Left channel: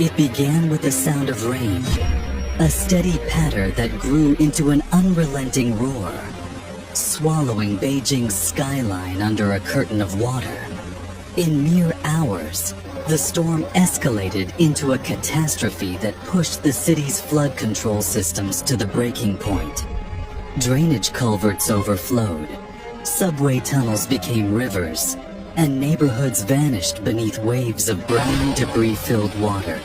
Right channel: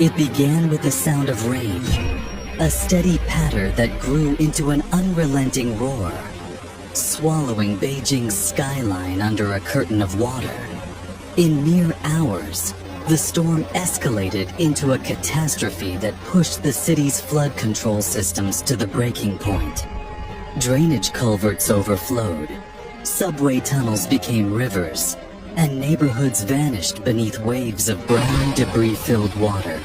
It began with the sound of rain, a steady patter that grew into an unrelenting roar, swallowing Beijing's skyline under a curtain of water. In mere hours, the storm escalated into a catastrophe that pushed the city's flood control systems to the breaking point. Drainage culverts overflowed, subway tunnels became rivers, and neighborhoods vanished beneath waves of brown debris-filled water.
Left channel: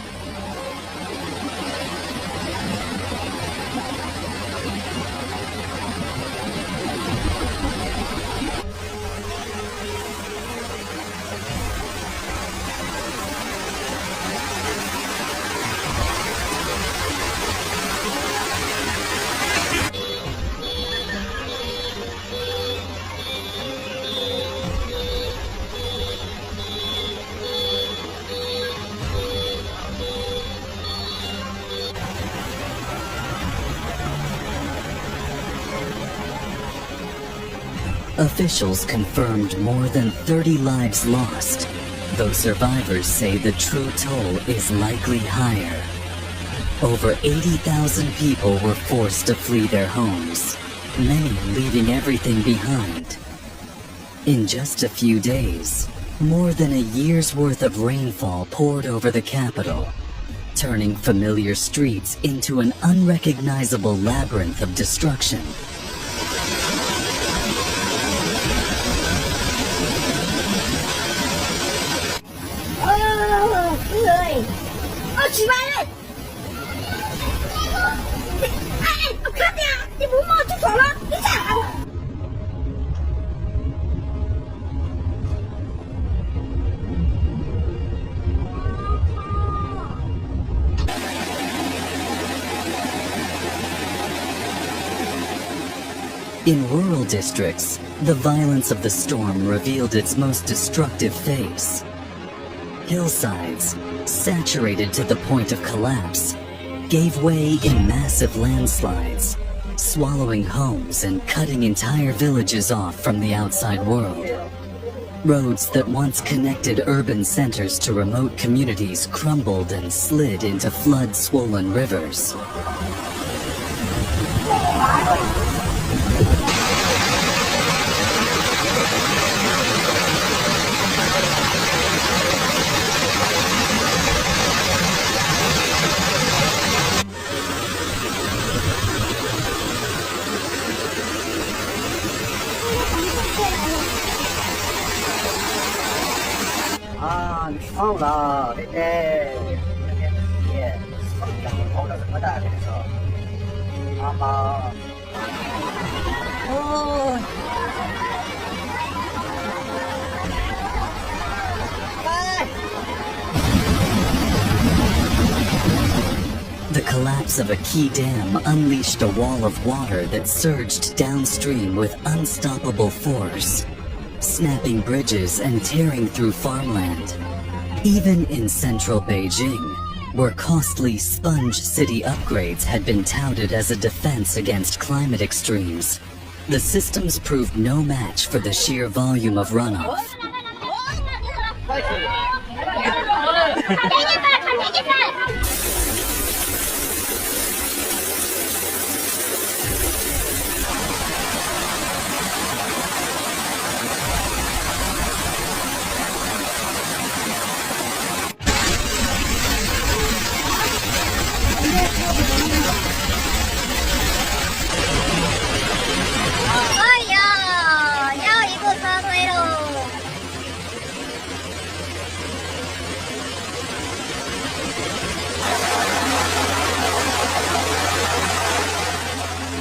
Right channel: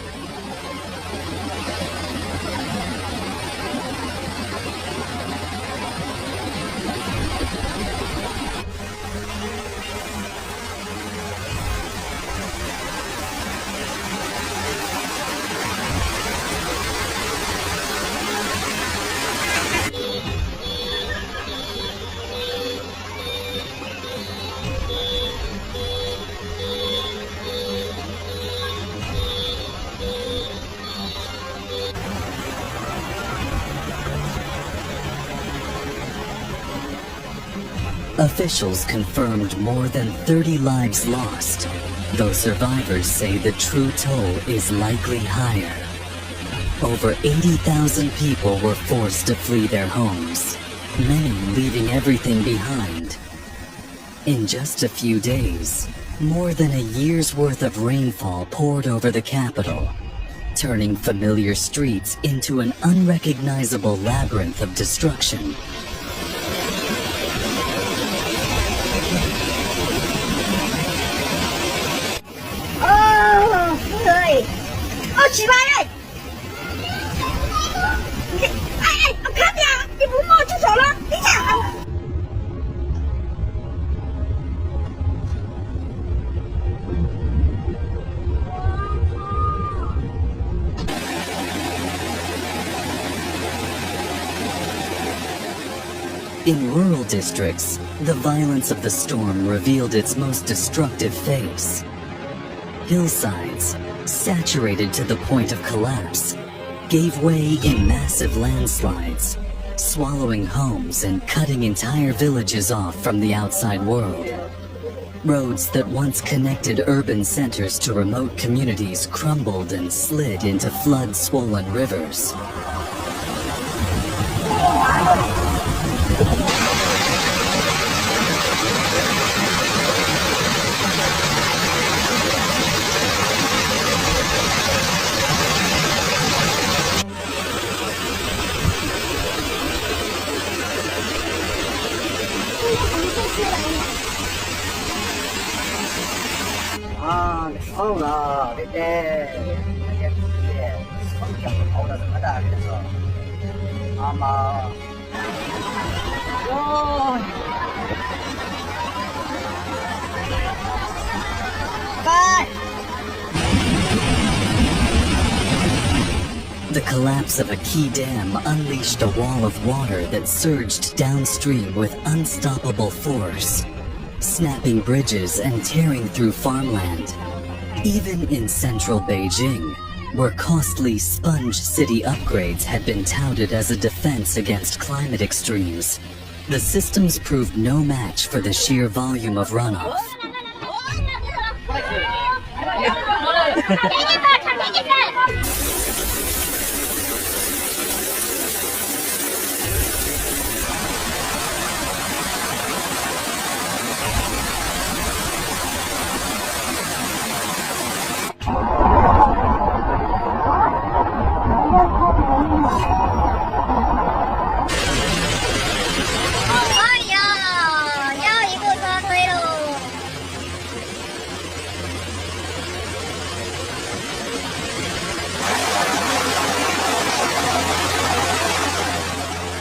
Officials confirmed more than 30 lives lost, though survivors say the true toll is likely higher. Over 80,000 people were forced to flee their homes, many leaving everything behind. In just a few days, more than a year's worth of rainfall poured over the capital, turning familiar streets into an unrecognizable labyrinth of destruction. In rural districts, the violence of the storm revealed its most destructive face. Hillsides, saturated to the point of collapse, gave way in massive landslides, swallowing homes and cutting entire villages off from the outside world. Roads that once connected urban centers to remote communities crumbled and slid into flood-swollen rivers. The collapse of a key dam unleashed a wall of water that surged downstream with unstoppable force, snapping bridges and tearing through farmland. Even in central Beijing, where costly sponge city upgrades had been touted as a defense against climate extremes, the systems proved no match for the sheer volume of runoff.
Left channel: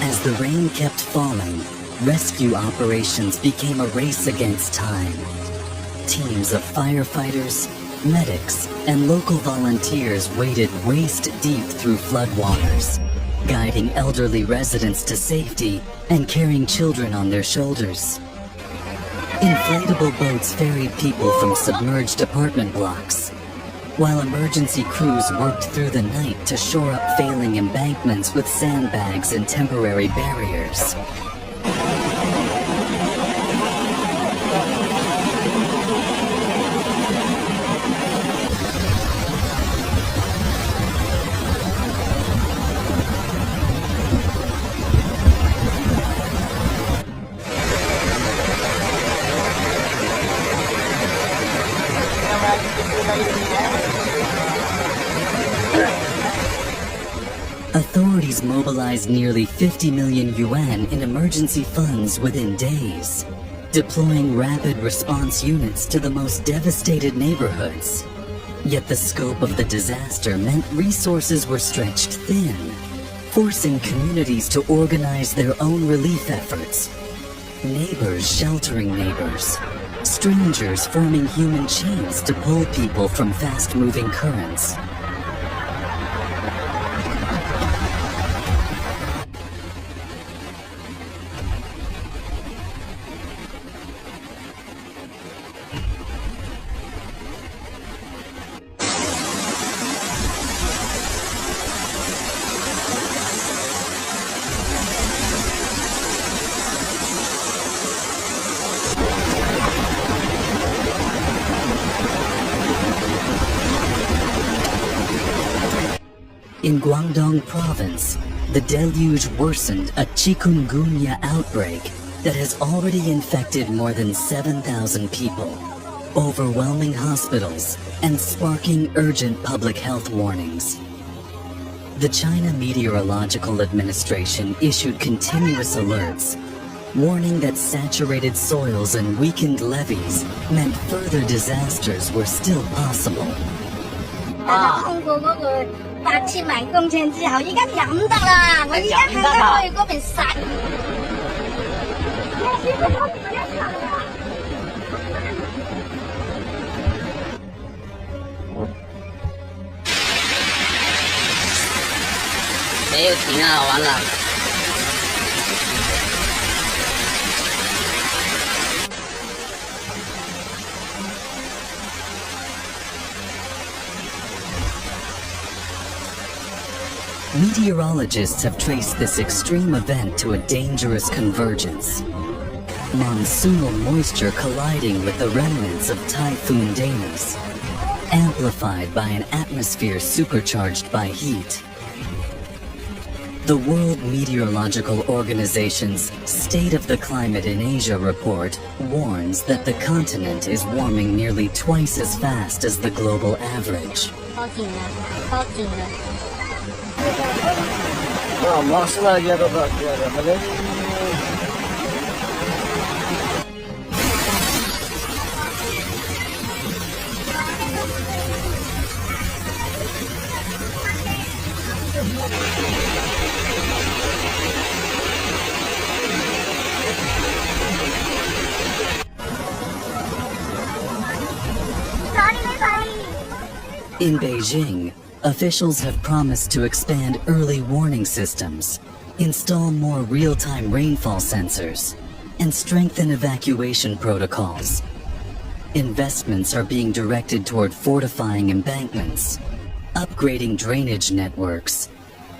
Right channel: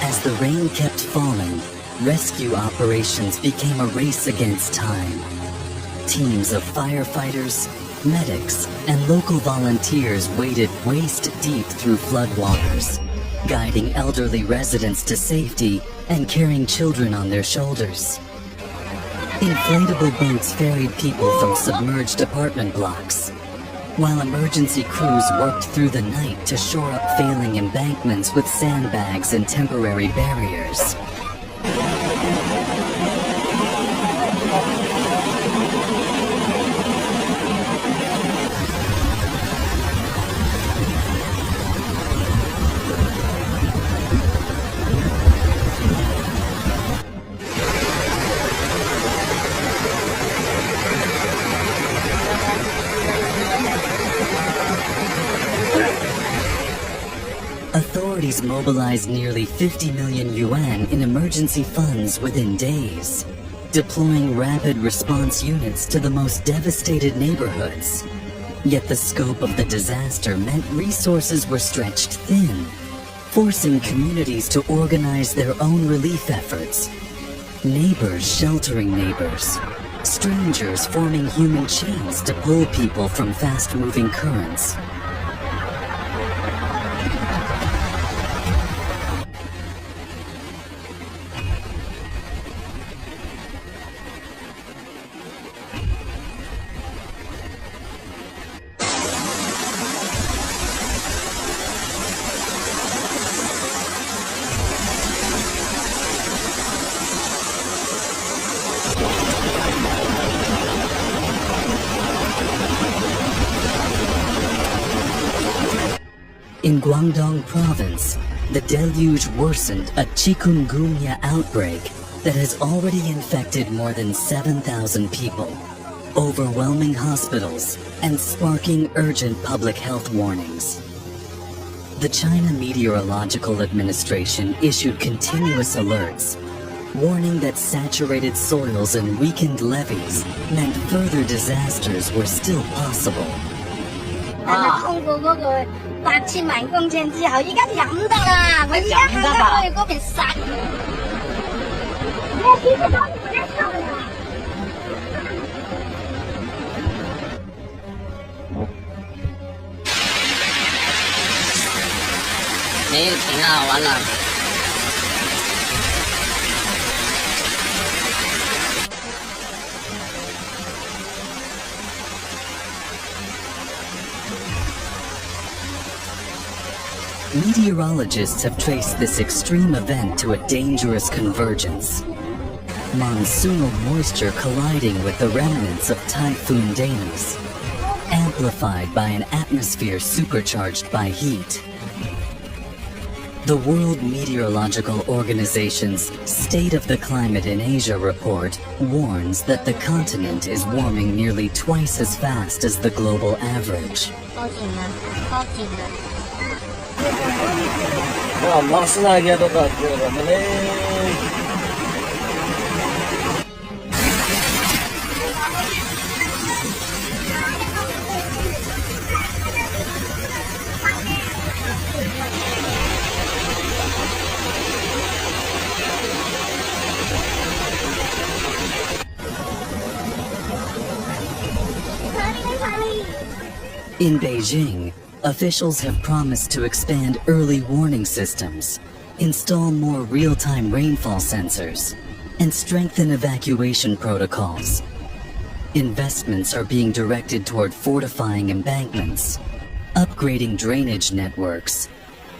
As the rain kept falling, rescue operations became a race against time. Teams of firefighters, medics, and local volunteers waded waist-deep through floodwaters, guiding elderly residents to safety and carrying children on their shoulders. Inflatable boats ferried people from submerged apartment blocks, while emergency crews worked through the night to shore up failing embankments with sandbags and temporary barriers. Authorities mobilized nearly 50 million yuan in emergency funds within days, deploying rapid response units to the most devastated neighborhoods. Yet the scope of the disaster meant resources were stretched thin, forcing communities to organize their own relief efforts. Neighbors sheltering neighbors, strangers forming human chains to pull people from fast-moving currents. In Guangdong Province, the deluge worsened a chikungunya outbreak that has already infected more than 7,000 people, overwhelming hospitals and sparking urgent public health warnings. The China Meteorological Administration issued continuous alerts, warning that saturated soils and weakened levees meant further disasters were still possible. 8,000公尺之後，依家飲得啦！我依家行去嗰邊殺。没有停啊，完了。Meteorologists have traced this extreme event to a dangerous convergence. Monsoonal moisture colliding with the remnants of Typhoon Days, amplified by an atmosphere supercharged by heat. The World Meteorological Organization's State of the Climate in Asia report warns that the continent is warming nearly twice as fast as the global average. 'In Beijing, officials have promised to expand early warning systems, install more real-time rainfall sensors, and strengthen evacuation protocols. Investments are being directed toward fortifying embankments, upgrading drainage networks,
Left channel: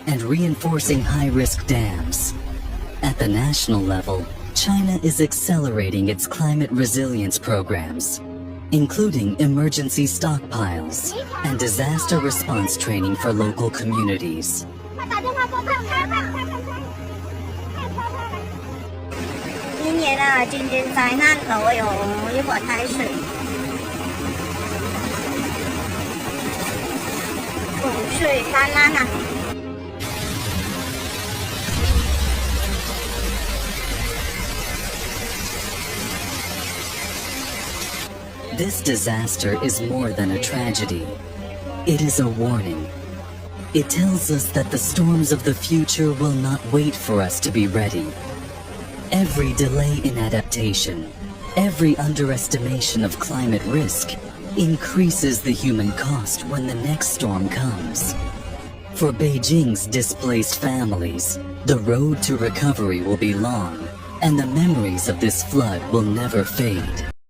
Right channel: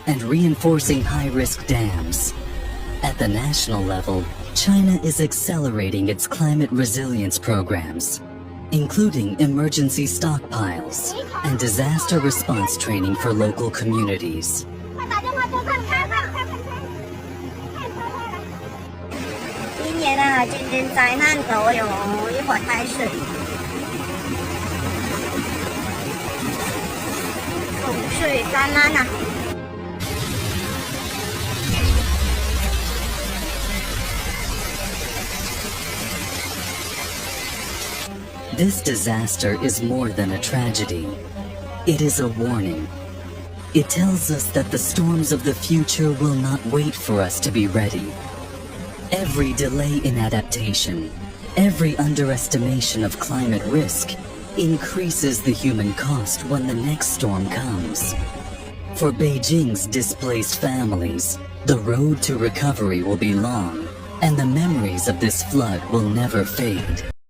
and reinforcing high-risk dams. At the national level, China is accelerating its climate resilience programs, including emergency stockpiles and disaster response training for local communities. 今年啊，今年灾难多哟，一会儿开水，洪水灾难啊。 This disaster is more than a tragedy. It is a warning. It tells us that the storms of the future will not wait for us to be ready. Every delay in adaptation, every underestimation of climate risk, increases the human cost when the next storm comes. For Beijing's displaced families, the road to recovery will be long, and the memories of this flood will never fade.